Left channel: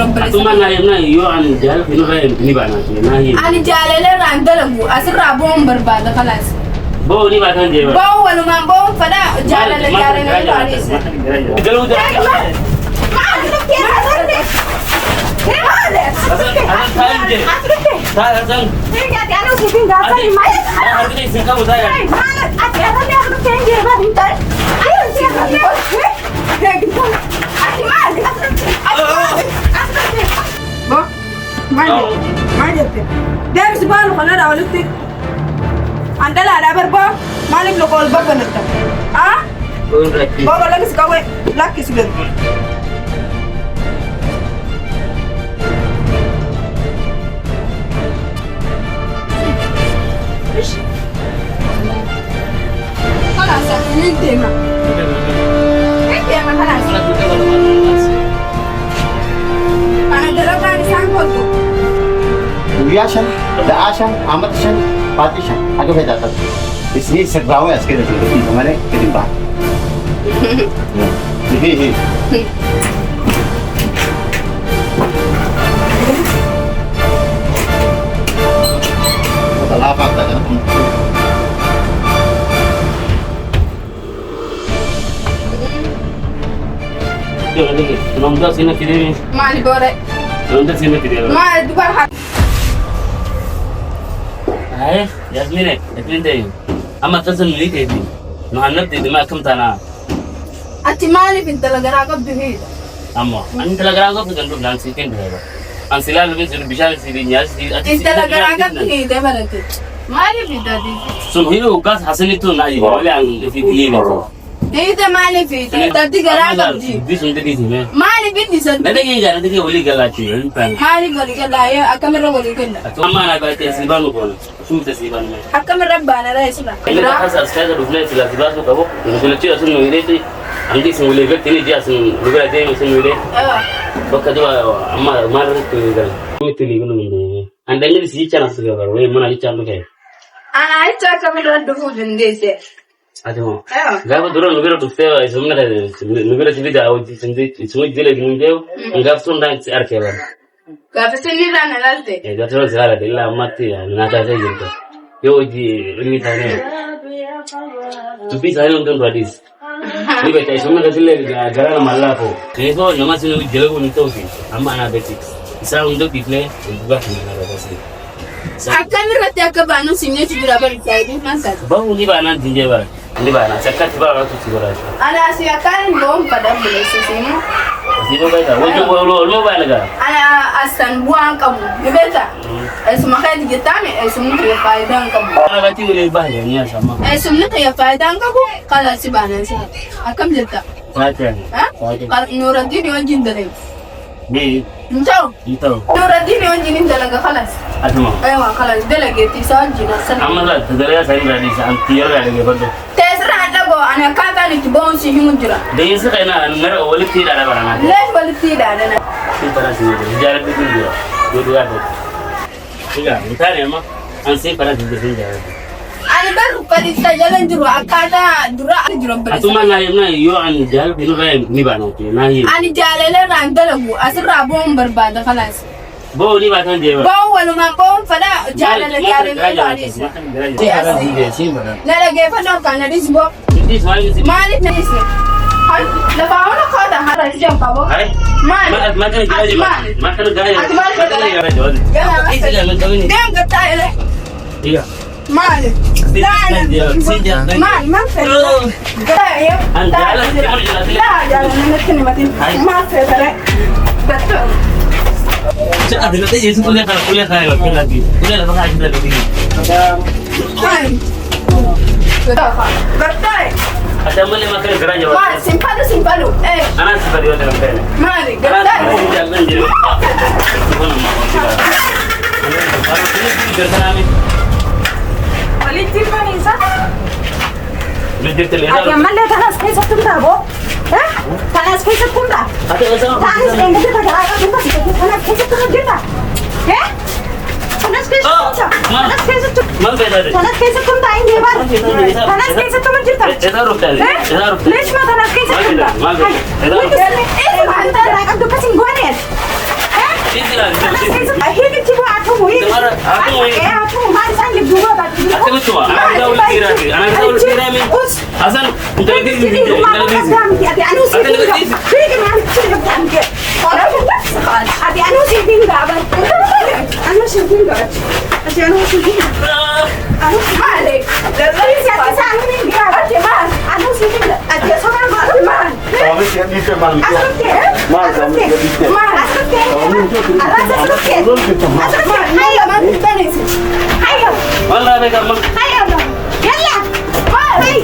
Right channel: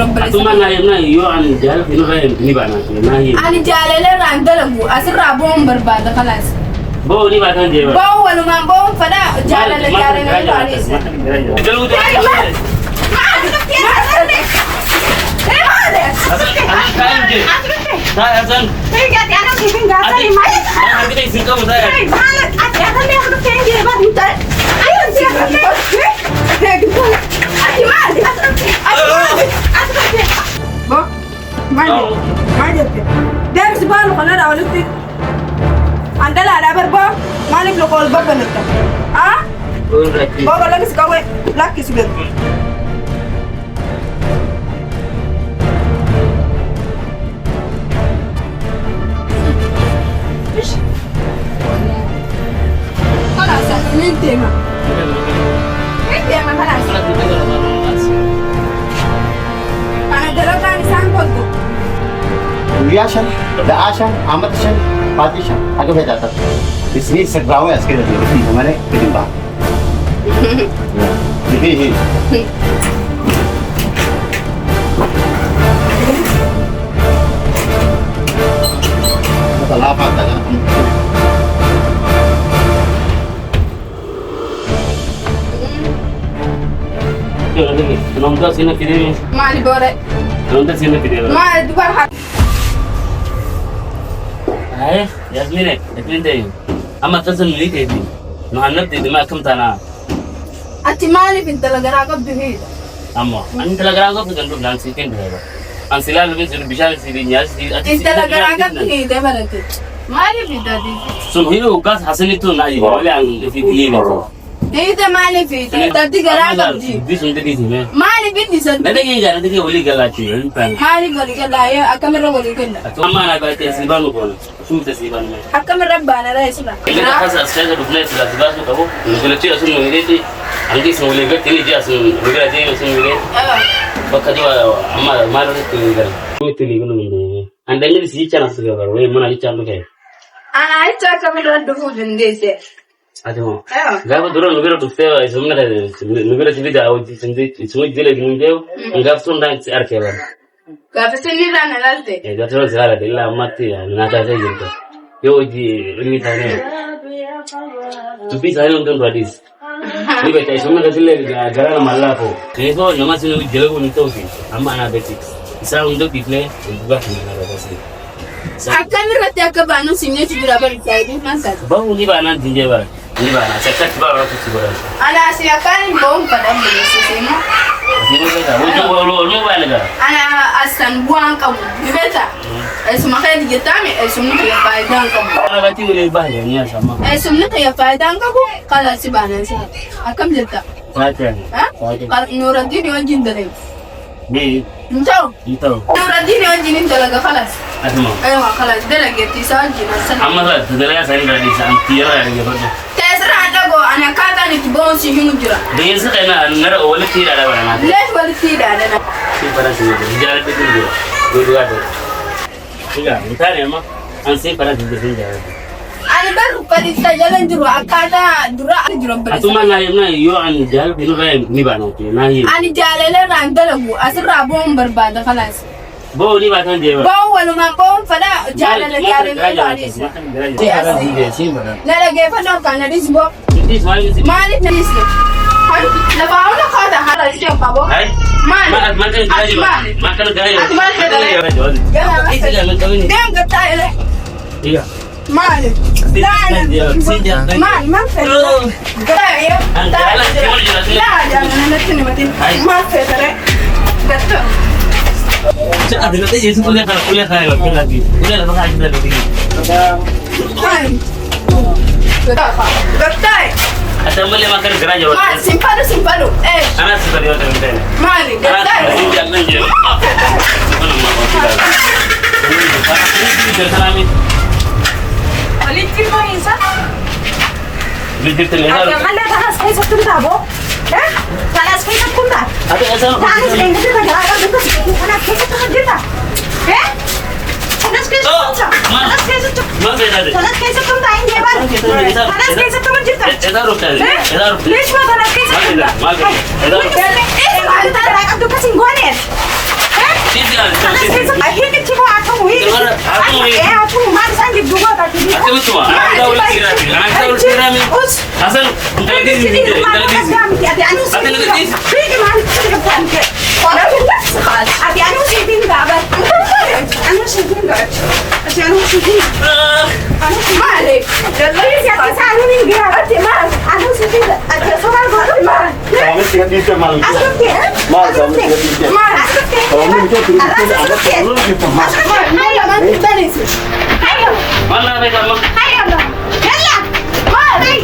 ربنا أتوما لا يبنا يو عن جهل في نوع نبانا ما هي أنا جالله راندلبو أسرع بوم برباد خلاص بو نبا كان جيبا بو ولا ما بو فلا جالله باريس قالوا ده ما جبت دارس بالو خلنا اولتك عندنا على بربا ما نبلغ قول بابا نتا ها بابا لكس قوي لكس بيت خلاص من تيما خلاص أنا دلوقتي سانكوتو Riashan, Daashan, Amatishan, Patishan. Agak beda tak? Di sini segrawe as kira di kemana ketimpa. Hihi. Mata lapa tak kan? Yo lagi, nomor sini kiri. مالي بوري Nomor sini kiri. ما دبر حق Hai, Yasmin deh. Ama tasan milih tadi. Nuhanap tadi macam tanah. أنت مالي في التلقراء قبل هيدا Amma, an telegram ko kan dum dan sikin deh. An sila lebih sudah bisa sih nyas di. التلقراء قبل هيدا بلدي مالي في دادي Sumhiru ukas hasil itu naik. Oleh ang fi kiri itu. هيدا مالي في دادي قراء قبل Di sunde di sini. مالي في دي سد Ada yang jalan tadi oleh galati. مالي قولي كلا يا أكمل قولي كلا Amma na ba ta siban ko. Sum ta siban mai. أكمل ربنا لا يسمع Ini tak asal saya dah dulu sudah sudah tu kau. Kalau cik asun mulai tu, angki semua lagi kini dia asun juga ada yang asun mulai. Bakal juga amma malu itu juga. Itu lagi nunggu. Anda ini sih cara segala. Wei mana cara tu kaya. أنا عايز أكمل رد فوجن ديسي Aduh. أيوة Gak apa turun nugara tu saya sebenarnya nugara sini dah awal sendiri semua jelas nunggu. Enggak pun dah siar kaya. كافسني رانا لالتي Dah terus siar ada ilah mati ya. Nada saya gitu. Yo di ini tanya. Tapi saya nonton radis. Ini betul sebenarnya sih gara-gara malah po. Ini so nama sini jelas pun itu sih. Amma anak betik. Saya untuk display juga mana ada sih. أكمل رد أكبانو سيني تدرا بريسايدي ما ساد Bahu ni ba nan tinje ba. Ni ba na sakka ba ba ku ci bara. أنا أسيكان بوم قدام بلسيسيمو Ni ba da wajen lo ba ni ga. أنا أستن بوان كم بيتا اسمه كان يجتامي اسمه يفايدان كم Ana ba ti wuri ba ya ni sama. اسمه يفايدان كم قال سبحان الله أكمل جتا Ta ta. ها قال نور الدين يوجين دليل Ni نتاو itu. نور الدين يوجين دليل خلاص Atuma. أيوة خلاص دليل تيسان جينا سن Amma ga da saya radis an tiyar da ga bado. تسرع دعو أنا كاتا نتبون سيهون جرا Da yin suka na nar wala ti da ba na. ليش ولا تيدا أنا Sai fara shi da jarar da din gura. Gudu ga da. Kiga mutane ma an sai fara da din jarar. أنا بروح بريستا جلنا جرا أكادا جرا جرا بريستا Atuma na yo an jahal fi no ni ba na ke na yi. أنا جالله راندلبو أسرع بوم برباد خلاص Bo ni ba kan je ba. بوم ولا ما بوم فلا جالله باريس لا لا كيف نور كان نديس بو مالك نديس لا باولا كذا هذا يجي بابو مالك Ma kan gaya. دام قطع له Iya. مالك لا لا مال ما في لا يا أنا نتكلم ما في ترى Cak ada nanti jadi kuliah kaya lagi. Kuliah apa aja lagi. قطع Ada mana makan gerak jawab. ما سيمبالو إيه Anak seperti itu kan. مالك قطع Jangan je. Mana mau tidak. Ini karena ini berkami. وليدتي كويسة؟ Bijir terlihat. يا مالي خلاص كيف تكون دابو؟ ها؟ خلاص كيف تكون دابو؟ Ada asal. تعالي سليم بدك جاهزة بدك خلاص كيف تكون جدا؟ ها؟ خلاص كيف تكون خلاص كيف تكون Mal beda deh. خلاص كيف تكون تعين دي بقى خلاص كيف تكون جدا؟ Kita rupiah. Kita rupiah. ليش ما خلاص كيف تكون؟ Mal beda. ايه انت راك بدك تسين جوانيت Hivi kibo atomo hivi. Atomo mali sangi duwa ka duwa. Atemtuma. Anakata ulirami. Hasan, intelligence. والله ما كان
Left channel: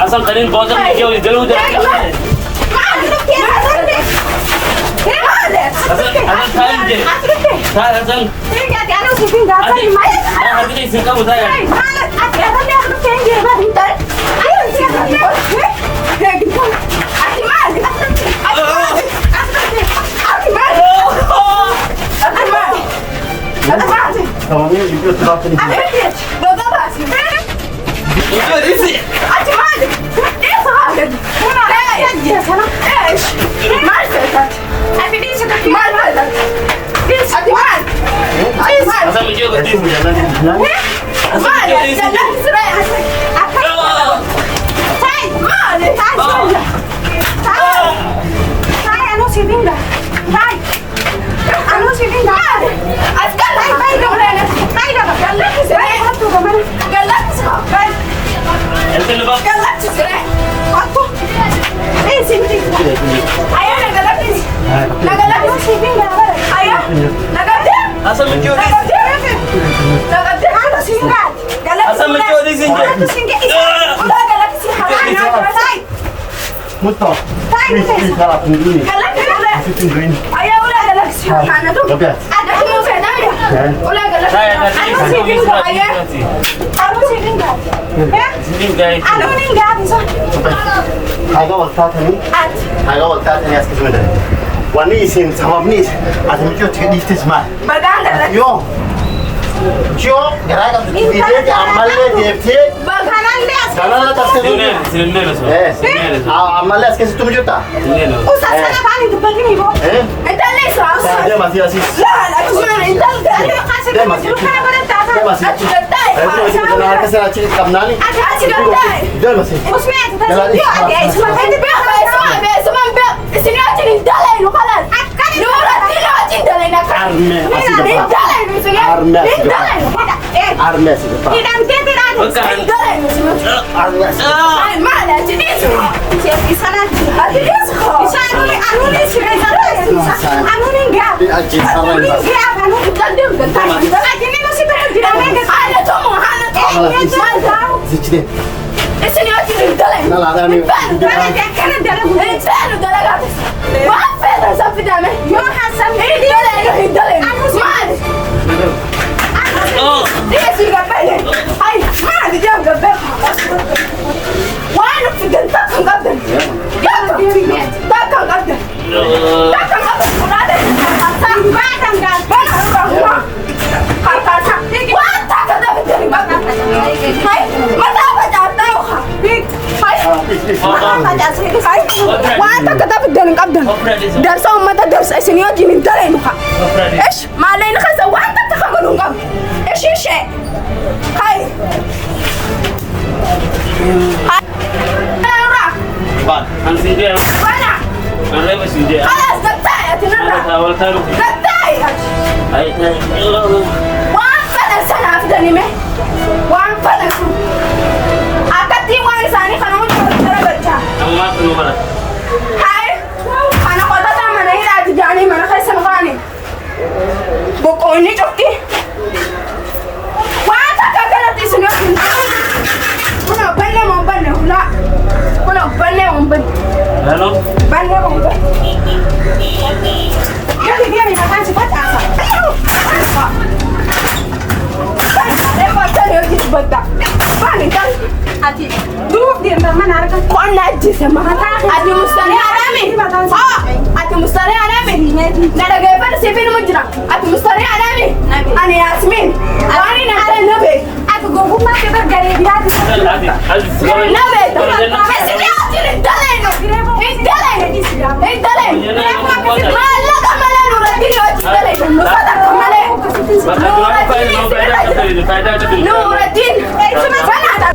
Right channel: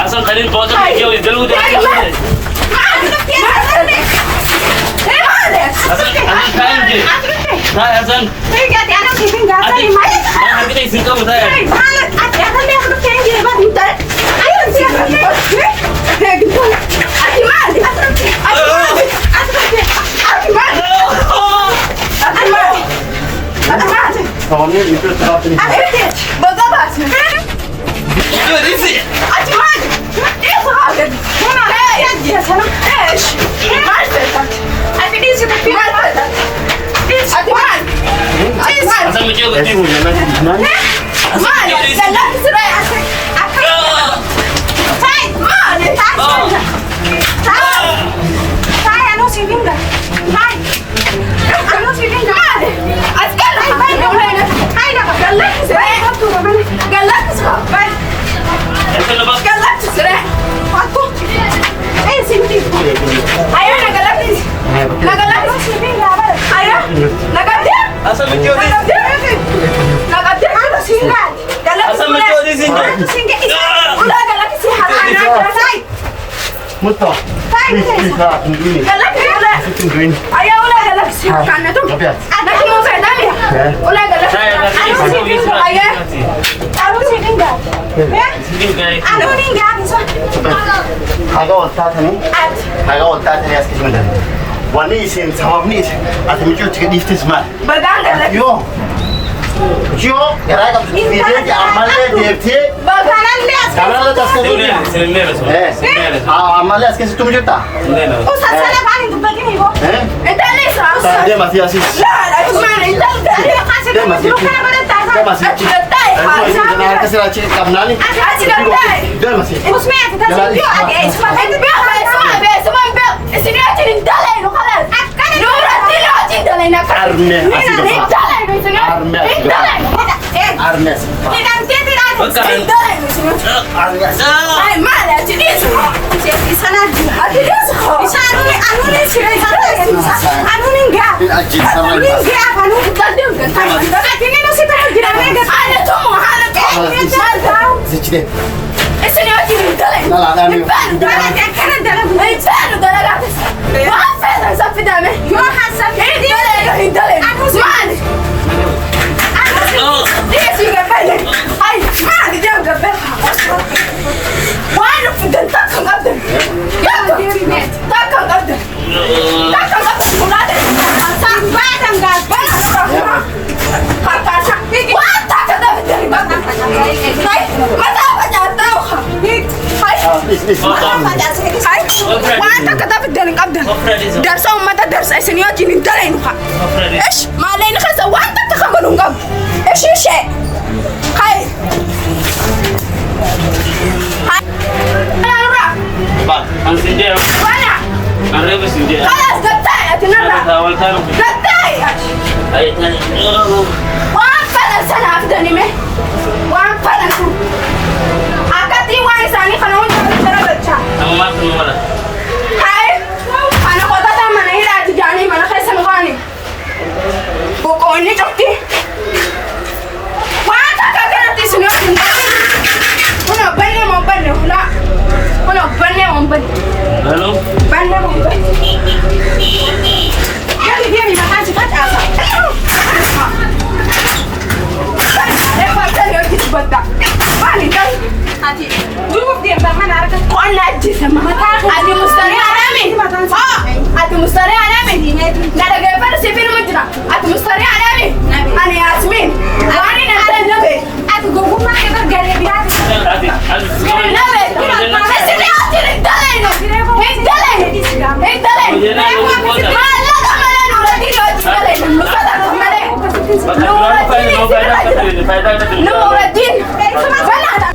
اصلا ترين فوز يجوا يقلوا ده Hey, dale. Baka Nuruddin, faida ka tuli. Nuruddin, sana